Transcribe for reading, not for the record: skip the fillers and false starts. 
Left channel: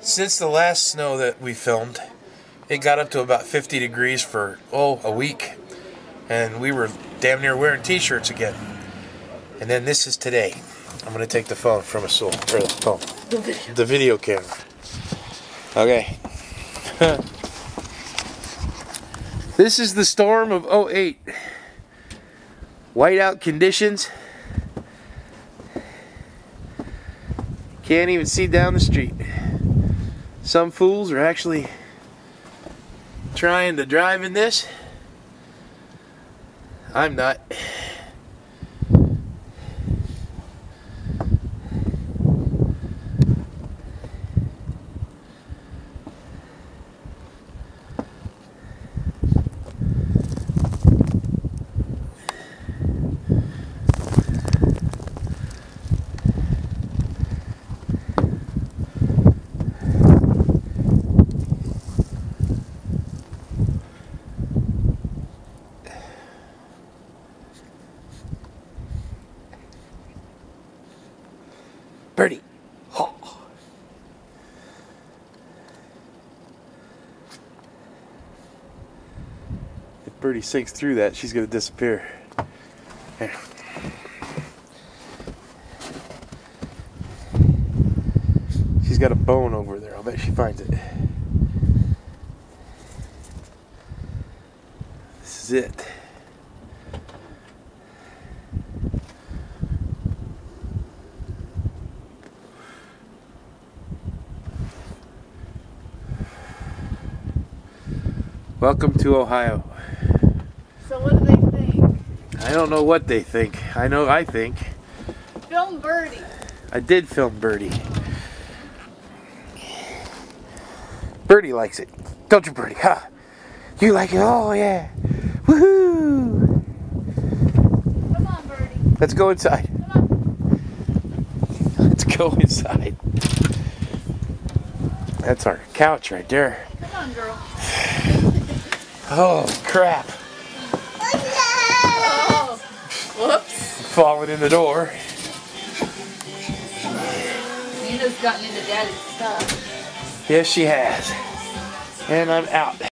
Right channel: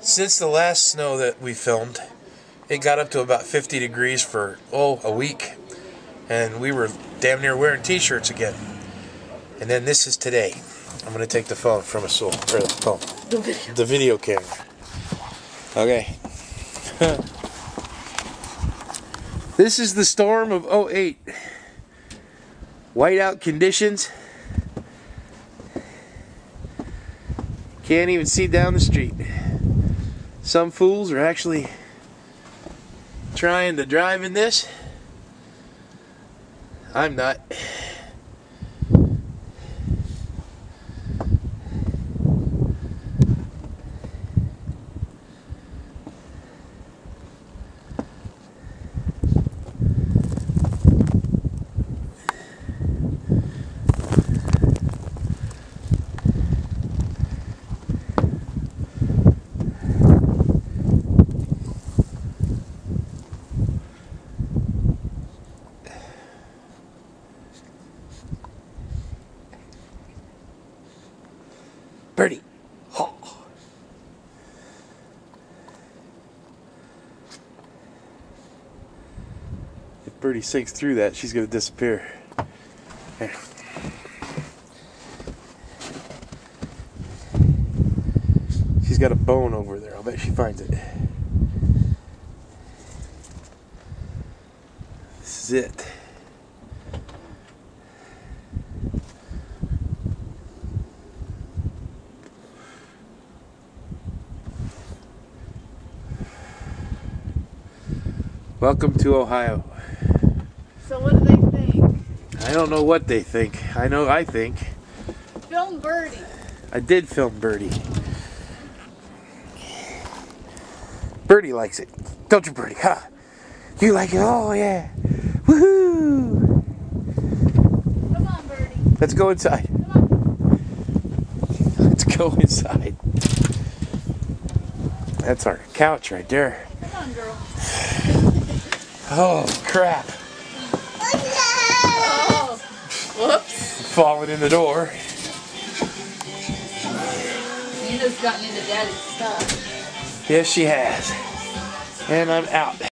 Since the last snow that we filmed, it got up to about 50 degrees for, a week. And we were damn near wearing t-shirts again. And then this is today. I'm going to take the phone from a soul, or the phone. The video camera. Okay. This is the storm of '08. Whiteout conditions. Can't even see down the street. Some fools are actually trying to drive in this. I'm not. Birdie. Oh. If Birdie sinks through that, she's going to disappear. Here. She's got a bone over there. I'll bet she finds it. This is it. Welcome to Ohio. So what do they think? I don't know what they think. I think. Film Birdie. I did film Birdie. Birdie likes it. Don't you, Birdie? Huh? You like it? Oh, yeah. Woohoo! Come on, Birdie. Let's go inside. Come on. Let's go inside. That's our couch right there. Come on, girl. Oh, crap. Oh, whoops. Falling in the door. Nina's gotten into Daddy's stuff. Yes, she has. And I'm out.